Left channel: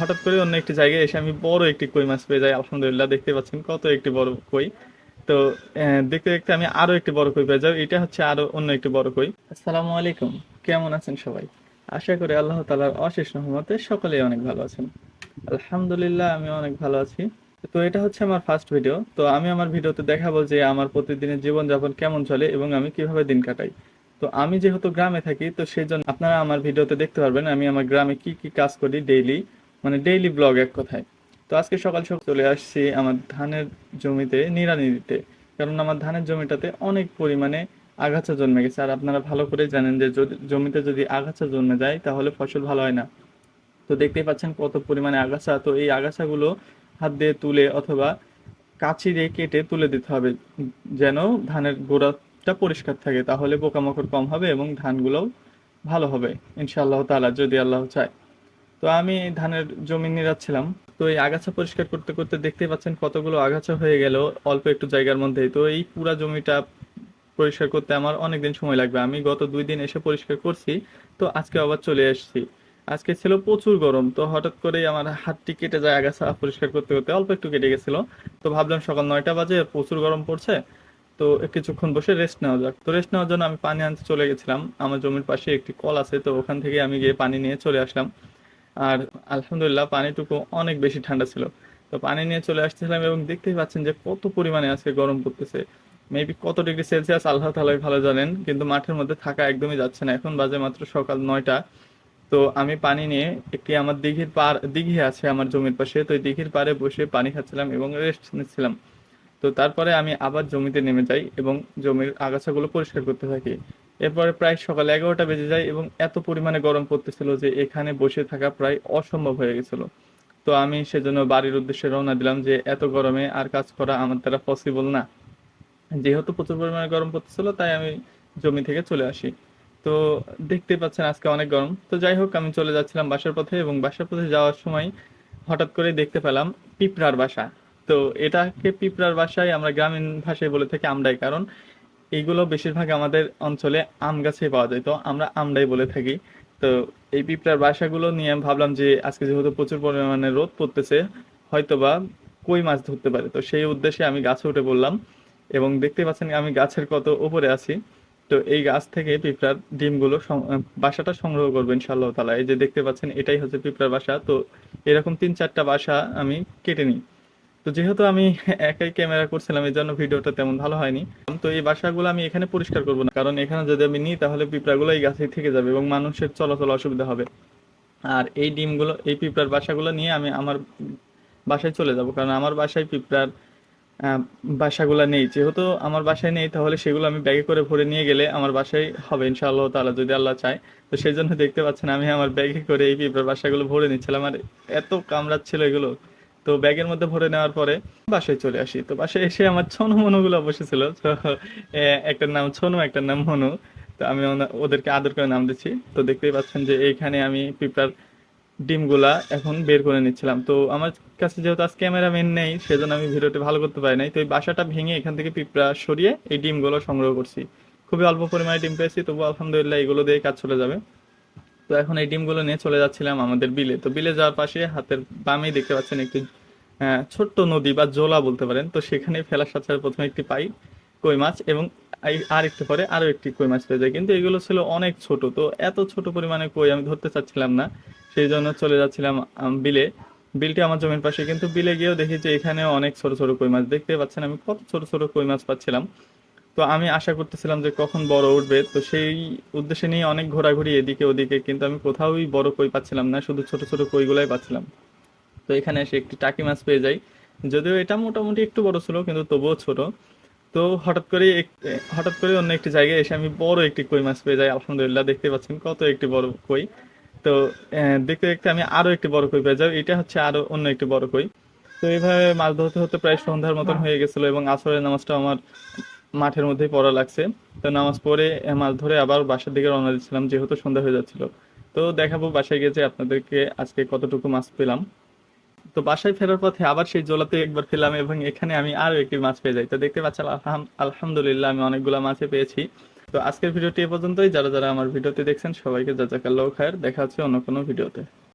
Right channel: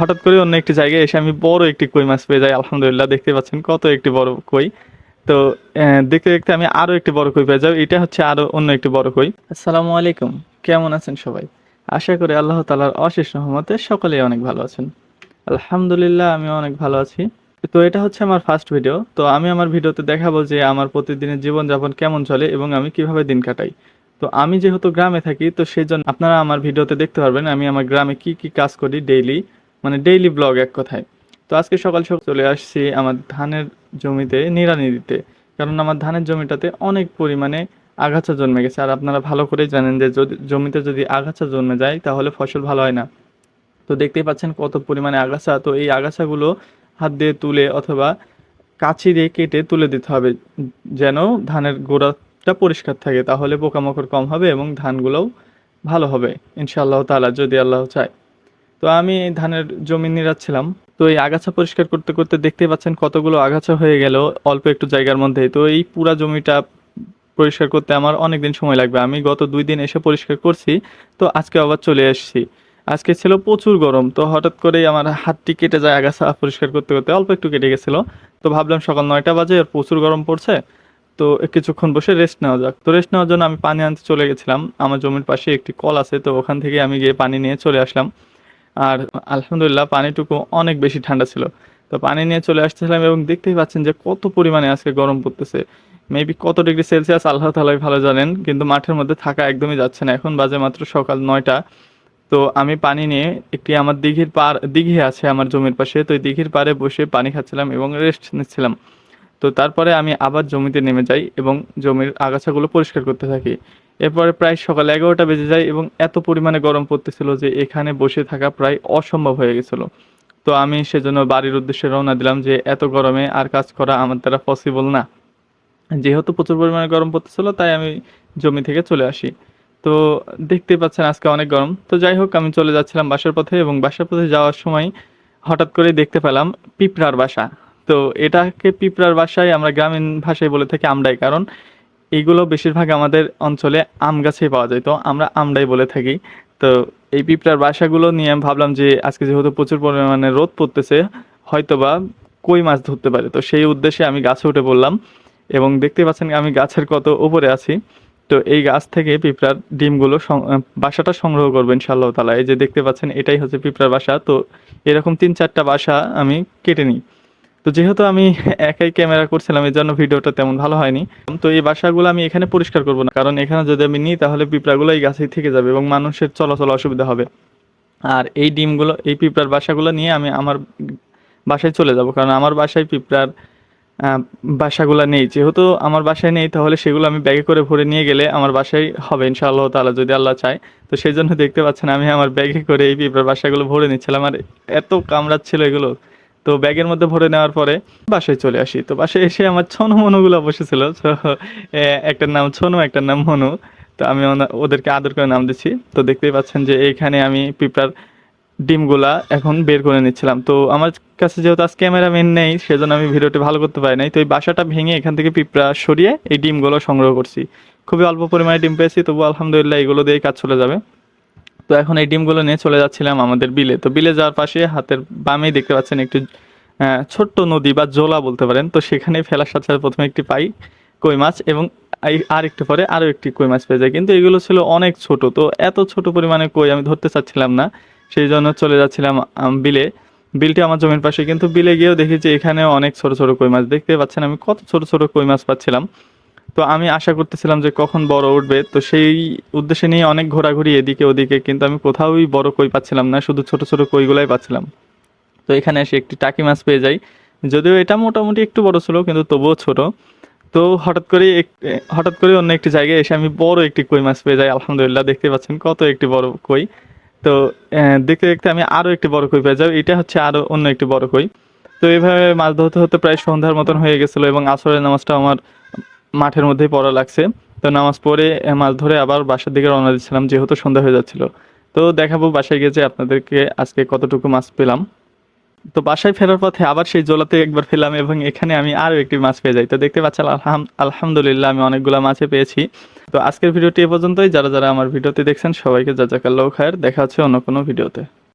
হঠাৎ করে অন্য একটি জায়গায় এসে আমি বড় একটি কই মাছ পেয়ে যাই। আলহামদুলিল্লাহ, দেখতে পাচ্ছেন কত একটি বড় কই। তো দেখতে দেখতে আমি আরো একটি বড় কই পেয়ে যাই। এটা হচ্ছে আরো অন্য একটি বড় কই। আসসালামু আলাইকুম, কেমন আছেন সবাই? আশা করি আল্লাহ তাআলার অশেষ রহমতে সকলেই অনেক ভালো আছেন। আলহামদুলিল্লাহ, আমি অনেক ভালো আছি। তো এটা হচ্ছে আমার ফার্স্ট ভিডিও। তো আমি আমার ভিডিওতে দেখাবো যে আমার প্রতিদিনের জীবনযাপন কেমন চলে এবং আমি কিভাবে দিন কাটাই। তো আমি যেহেতু গ্রামে থাকি, তো সেই জন্য আপনারা আমার ভিডিওতে দেখতে পারবেন আমি আমার গ্রামে কি কি কাজ করি ডেইলি, মানে ডেইলি ব্লগ এক কথায়। তো আজকে সকাল সকাল চলে আসছি আমার ধানের জমিতে নিড়ানি দিতে, কারণ আমার ধানের জমিটাতে অনেক পরিমাণে আগাছা জন্মে গেছে। আর আপনারা ভালো করেই জানেন যে যদি জমিতে যদি আগাছা জন্মে যায় তাহলে ফসল ভালো হয় না। তো দেখতেই পাচ্ছেন কত পরিমাণে আগাছা। তো এই আগাছাগুলো হাত দিয়ে তুলে অথবা কাঁচি দিয়ে কেটে তুলে দিতে হবে, যেন ধানের গোড়াটা পরিষ্কার থাকে, তাহলে পোকামাকড় কম হবে এবং ধানগুলোও ভালো হবে ইনশাআল্লাহ তাআলা, যদি আল্লাহ চায়। তো আমি এই ধানের জমি নিড়াচ্ছিলাম। তো এই আগাছা পরিষ্কার করতে করতে দেখতেই পাচ্ছেন কতগুলো আগাছা হয়ে গেল অল্প একটু জায়গার মধ্যেই। তো এই পুরা জমিটা পরিষ্কার করতে আমার অনেক দিন সময় লাগবে। আমি গত 2 দিন এসে পরিষ্কার করছি। তো আজকে আবার চলে এসেছি। আজকে ছিল প্রচুর গরম, তো হঠাৎ করেই আমার হাতটি কেটে যায় আগাছা পরিষ্কার করতে করতে, অল্প একটু কেটে গেছিল। তো ভাবলাম সকাল 9টা বাজে আর প্রচুর গরম পড়ছে, তো কিছুক্ষণ বসে রেস্ট নেওয়া যাক। তো রেস্ট নেওয়ার জন্য আমি পানি আনতে চলে গেছিলাম। আমার জমির পাশে একটি কল আছে, তো ওখান থেকে আমি গিয়ে পানি নিয়ে চলে আসলাম। আর আলহামদুলিল্লাহ পানিটুকু অনেক বেশি ঠান্ডা ছিল। তো পানি নিয়ে চলে আসতেছিলাম এবং দেখতেই পাচ্ছেন যে কত পরিমাণে আজকে গরম পড়তেছে। মেবি কত ডিগ্রি সেলসিয়াস আল্লাহ তাআলাই ভালো জানেন, কিন্তু মাঠের মধ্যে থাকা একদমই যাচ্ছে না। এখন বাজে মাত্র সকাল 9টা। তো আমি পানি নিয়ে একটি আমার দিঘি আছে আমার জমির পাশে, তো এই দিঘির পাড়ে বসে পানি খাচ্ছিলাম এবং রেস্ট নিচ্ছিলাম। তো তারপরে আমি আবার জমিতে নেমে যাই এবং জমির আগাছাগুলো পরিষ্কার করতে থাকি। এরপরে প্রায় সকাল 11টা বেজে যায় এবং এত পরিমাণে গরম পড়তেছিল যে এখানে বসে থাকা প্রায় অসম্ভব হয়ে গেছিল। তো আমি সেজন্য বাড়ির উদ্দেশ্যে রওনা দিলাম যে এত গরমে আর কাজ করা আমার দ্বারা পসিবল না। যেহেতু প্রচুর পরিমাণে গরম পড়তেছিল তাই আমি জমি থেকে চলে আসি। তো দেখতেই পাচ্ছেন আজকে অনেক গরম। তো যাই হোক, আমি চলে যাচ্ছিলাম বাসার পথে এবং বাসার পথে যাওয়ার সময় হঠাৎ করে দেখতে পেলাম পিঁপড়ার বাসা। তো এটাকে পিঁপড়ার বাসায় আমরা গ্রামীণ ভাষায় বলে থাকি আমডাই, কারণ এইগুলো বেশিরভাগ আমাদের অঞ্চলে আম গাছেই পাওয়া যায়, তো আমরা আমডাই বলে থাকি। তো এই পিঁপড়ার বাসাগুলো নিয়ে আমি ভাবলাম যে আজকে যেহেতু প্রচুর পরিমাণে রোদ পড়তেছে, হয়তোবা কই মাছ ধরতে পারে। তো সেই উদ্দেশ্যে আমি গাছে উঠে পড়লাম এবং দেখতে পাচ্ছেন আমি গাছের কত উপরে আছি। তো এই গাছ থেকে পিঁপড়ার ডিমগুলো বাসাটা সংগ্রহ করবো ইনশাআল্লাহ তাআলা। এই যে দেখতে পাচ্ছেন এটাই হচ্ছে পিঁপড়ার বাসা। তো এরকম 3-4টা বাসা আমি কেটে নিই। তো যেহেতু আমি একাই ক্যামেরা করছিলাম এই জন্য ভিডিওটা তেমন ভালো হয়নি। তো এই বাসাগুলো আমি এখানে পরিষ্কার করব না, কারণ এখানে যদি আমি নিই তাহলে পিঁপড়াগুলো এই গাছেই থেকে যাবে এবং মানুষের চলাচল অসুবিধা হবে। আর এই ডিমগুলো এই পিঁপড়ার বাসাগুলো নিয়ে আমি আমার বাসায় চলে যাব, কারণ আমার বাসায় পিঁপড়ার আহ, বাসাগুলো নেই। যেহেতু আমার বাসায় নেই তাহলে সেগুলো আমি ব্যাগে করে ভরে নিয়ে গেলে আমার বাসায় হবে ইনশাআল্লাহ তাআলা, যদি আল্লাহ চায়। তো সেই জন্য দেখতে পাচ্ছেন আমি আমার ব্যাগে করে এই পিঁপড়ার বাসাগুলো ভরে নিচ্ছিলাম, আর এত কামড়াচ্ছিল এগুলো। তো ব্যাগের মধ্যে ভরে নেওয়ার পরে বাসায় চলে আসি। তো বাসায় এসে আমার ছোনো মনুগুলো বসেছিল। তো একটার নাম ছোনো, একটার নাম মনু। তো আমি ওদেরকে আদর করে নাম দিচ্ছি। তো দেখতেই পাচ্ছেন যে এইখানে আমি পিঁপড়ার ডিমগুলা এখন বের করে নিচ্ছিলাম। তো আমার কাছে যেহেতু আজ ক্যামেরাম্যান নেই সেজন্য আমি ভিডিওটি ভালো করতে পারি নাই। তো এই বাসাটা ভেঙে এখান থেকে পিঁপড়া সরিয়ে এই ডিমগুলো সংগ্রহ করছি। খুবই অল্প পরিমাণে ডিম পেয়েছি, তবু আলহামদুলিল্লাহ এগুলো দিয়ে কাজ চলে যাবে। তো এখন এই ডিমগুলো নিয়ে চলে যাচ্ছিলাম আমাদের বিলে। তো বিলে যাওয়ার পাশে হাতের বামেই দেখতে পাচ্ছেন একটু ছোট্ট নদী বা জোলা বলতে পারেন। তো সেখানে ফেলার সাথে সাথে প্রথমে একটি পাই কই মাছ এবং আর একটু পরে আরো একটি কই মাছ পেয়ে যায়, কিন্তু এগুলো ছিল অনেক ছোট। তো এত ছোট পরিমাণে কই আমি ধরতে চাচ্ছিলাম না, সেই জন্য চলে যাচ্ছিলাম বিলে। বিলটি আমার জমির পাশে, কিন্তু বিলে গিয়েও দেখি যে এখানে অনেক ছোট ছোট কই মাছ। দেখতে পাচ্ছেন আমি কত ছোট ছোট কই মাছ পাচ্ছিলাম। তো আমি আশা করতেছিলাম যে কখন বড় উঠবে, তো সেই উদ্দেশ্যে নিয়ে অনেক ঘোরাঘুরি এদিকে ওদিকে, কিন্তু আমি কোথাওই বড় কই পাচ্ছিলাম না, শুধু ছোট ছোট কইগুলাই পাচ্ছিলাম। তো এখানে এসে একটি টাকি মাছ পেয়ে যাই। যদিও এটা মোটামুটি একটু বড় ছিল কিন্তু তবুও ছোট। তো হঠাৎ করে অন্য একটি জায়গায় এসে আমি বড় একটি কই মাছ পেয়ে যাই। আলহামদুলিল্লাহ, দেখতে পাচ্ছেন কত একটি বড় কই। তো দেখতে দেখতে আমি আরো একটি বড় কই পেয়ে যাই। এটা হচ্ছে আরো অন্য একটি বড় কই। তো এইভাবে মাছ ধরতে হতে প্রায় সন্ধ্যার মতন হয়ে গেছিল এবং আসরের নামাজটা আমার মাঠের মধ্যেই পড়া লাগছে। তো নামাজ পড়ে মাছ ধরে আবার বাসার দিকে রওনা দিচ্ছিলাম, যেহেতু সন্ধ্যা হয়ে যাচ্ছিল। তো দেখাবো বাসায় গিয়ে যে আপনাদেরকে আজকে কতটুকু মাছ পেলাম। তো বাসায় ফেরার পথে আবার সেই জলাতে একবার ফেলাম এবং এখানে আমি আরো একটি মাছ পেয়ে যাই। তো দেখতে পাচ্ছেন আলহামদুলিল্লাহ আমি অনেকগুলা মাছে পেয়েছি। তো আজকের ভিডিওটি এ পর্যন্তই। যারা যারা আমার ভিডিওটি দেখছেন সবাইকে জাজাকাল্লাহু খায়ের। দেখা হচ্ছে অন্য কোনো ভিডিওতে।